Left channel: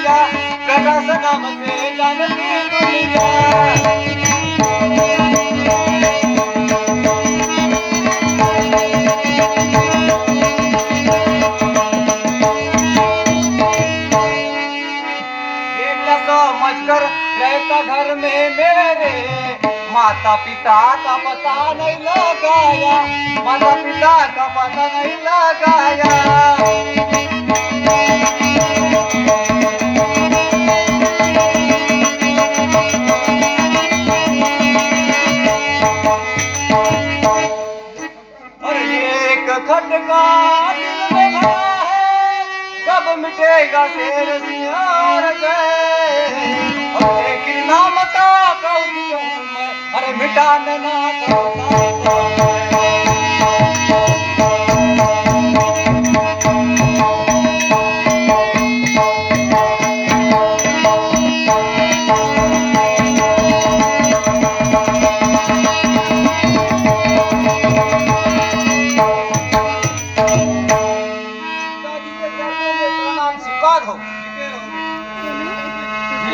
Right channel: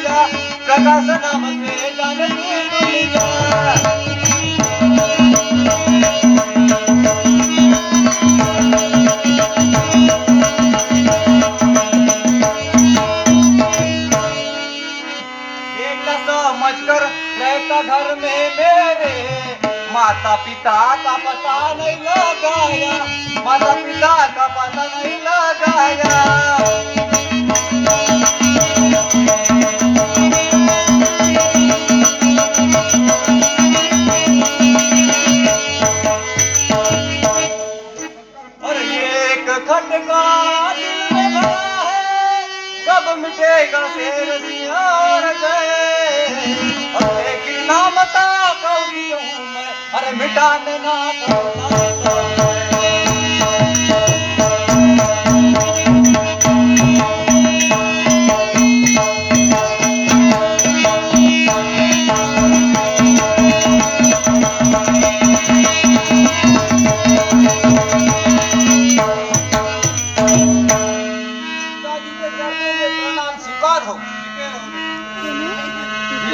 दुनिया कदा सलाम से जानती दुनिया। समझ कर रहता घर में मेरे, माता पिता का पता नहीं लगाया, माता पिता का पता नहीं लगाया। और एक खटका दिल में भरा है, कब मिटेगा शेर सियार गए। लेकिन ना मता कौन हूँ मैं, अरे मिटाने ना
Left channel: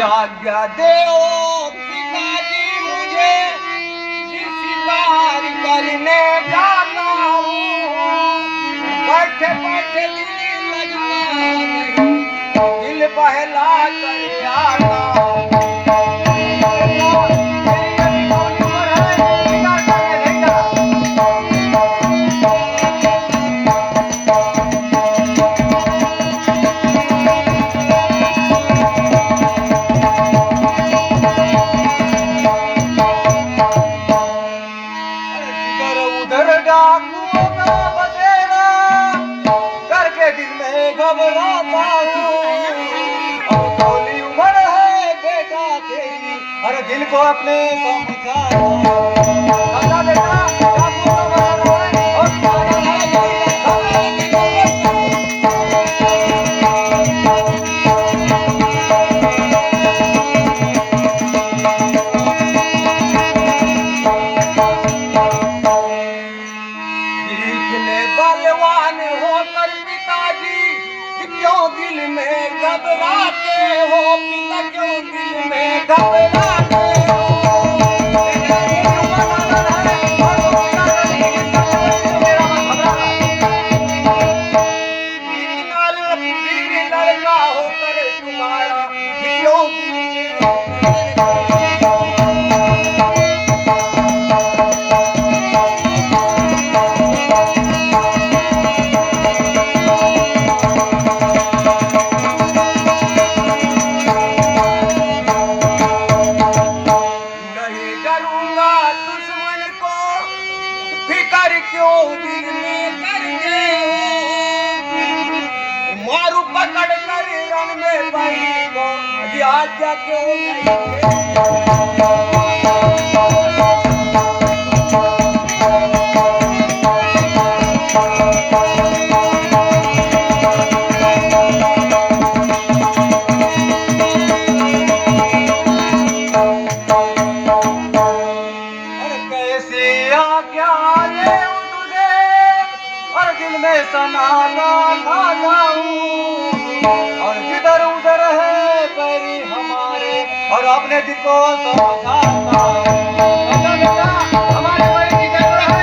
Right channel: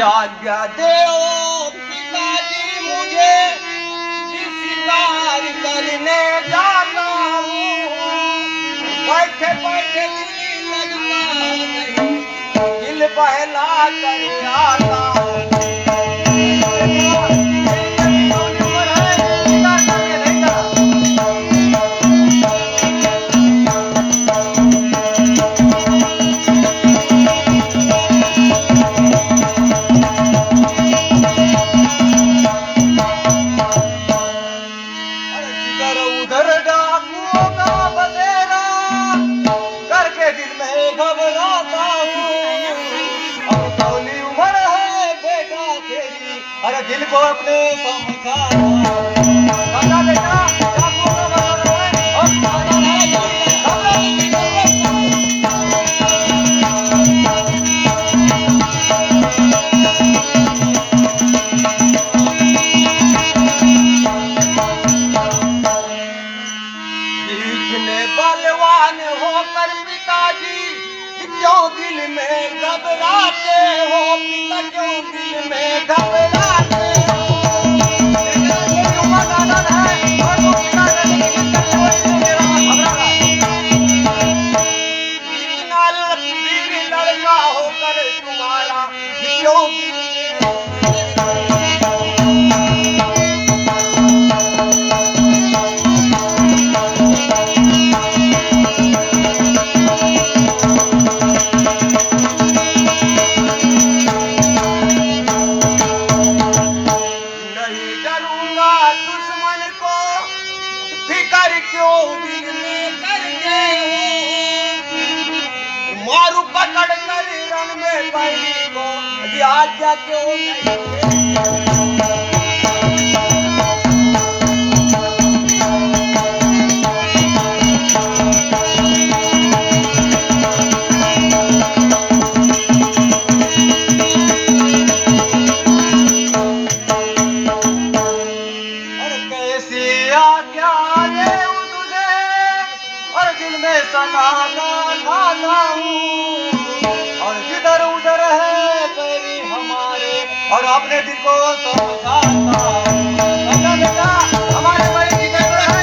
आज्ञा दे ओ पिताजी मुझे, शिकार करने जाता हूँ। बैठे बैठे दिल लगता नहीं, दिल बहला कर आता हूँ। घबराता हूँ, अब तौली उम्र है बेटा तेरी, अरे दिल को अपने समझा बेटा। बलवान होकर पिताजी क्यों दिल में घबराते हो, पिता क्यों दिल में घबराते हो। लड़का होकर तुम्हारा क्यों क्यों दिल में करके मारू पकड़ कर रंग में भाई को, आज्ञा क्यों समाना खाता हूँ। और जिधर उधर है पैरी हमारे, और अपने दिल को समझाता हमारे पैरी जिधर है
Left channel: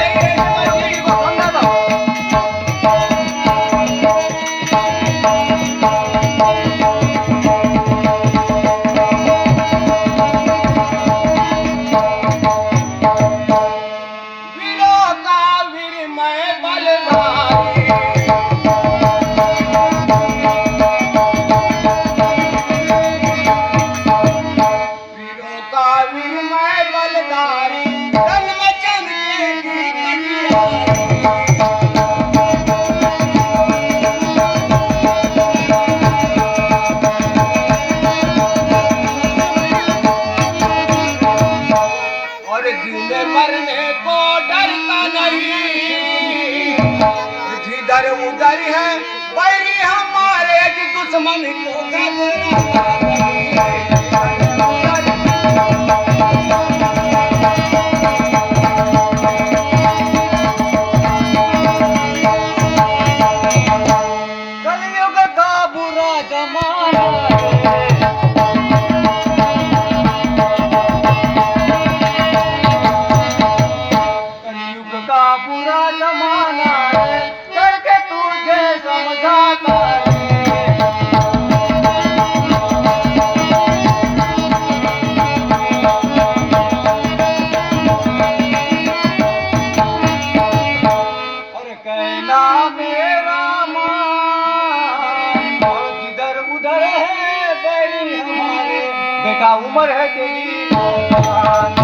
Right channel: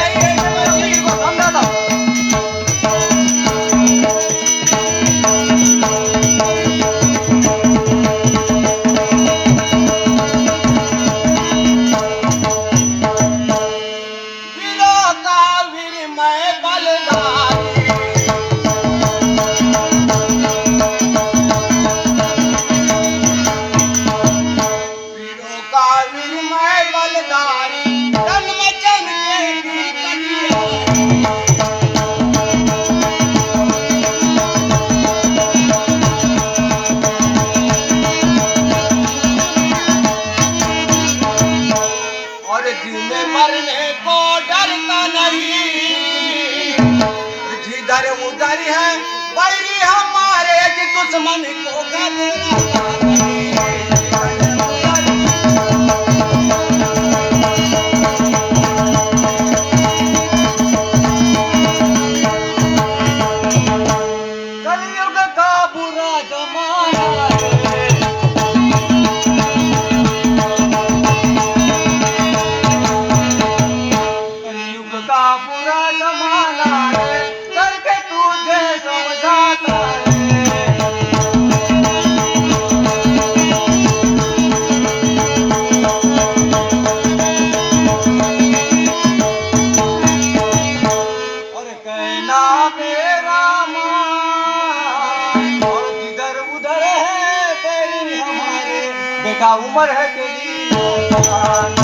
दिल को समझाता। वीरों का वीर मैं बलदारी, मरने को डरता नहीं, जिधर उधर है बैरी हमारे, दुश्मन को घबराता नहीं। कलयुग का बुरा जमाना है, जाता है। और कहना मेरा मान और जिधर उधर है तेरी हमारे, बेटा उम्र है तेरी जवान।